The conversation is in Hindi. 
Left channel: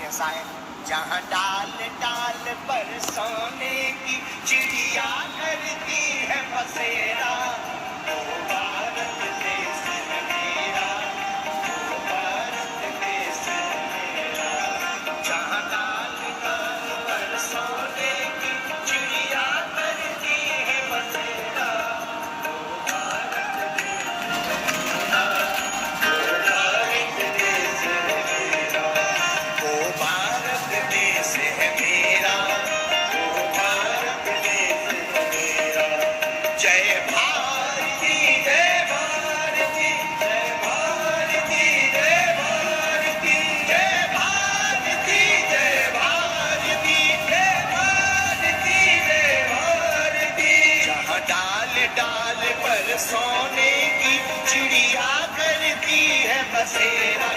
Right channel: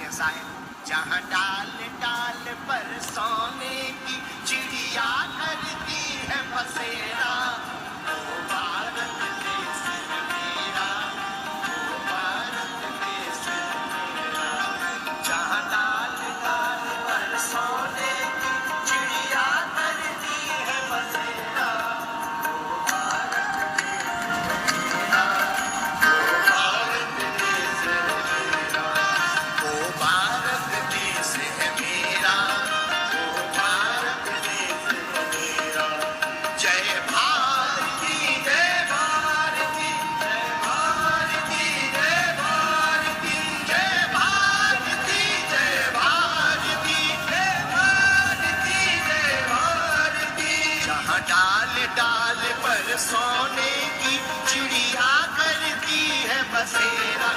के साए जहाँ डाल डाल पर सोने की चिड़िया करती है बसेरा, वो भारत देश है मेरा, वो भारत देश है मेरा। जहाँ डाल डाल पर सोने की चिड़िया करती है बसेरा, वो भारत देश है मेरा, वो भारत देश है मेरा, वो भारत देश है मेरा, वो भारत देश है मेरा। जय भारती जय भारती जय भारती जय भारती जय भारती जय भारती जय भारती जय भारती। जहाँ डाल डाल पर सोने की चिड़िया करती है बसेरा,